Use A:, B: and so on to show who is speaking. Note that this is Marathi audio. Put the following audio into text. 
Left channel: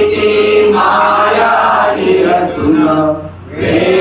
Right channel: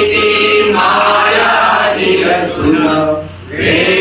A: यावी माया निरसुन वेळ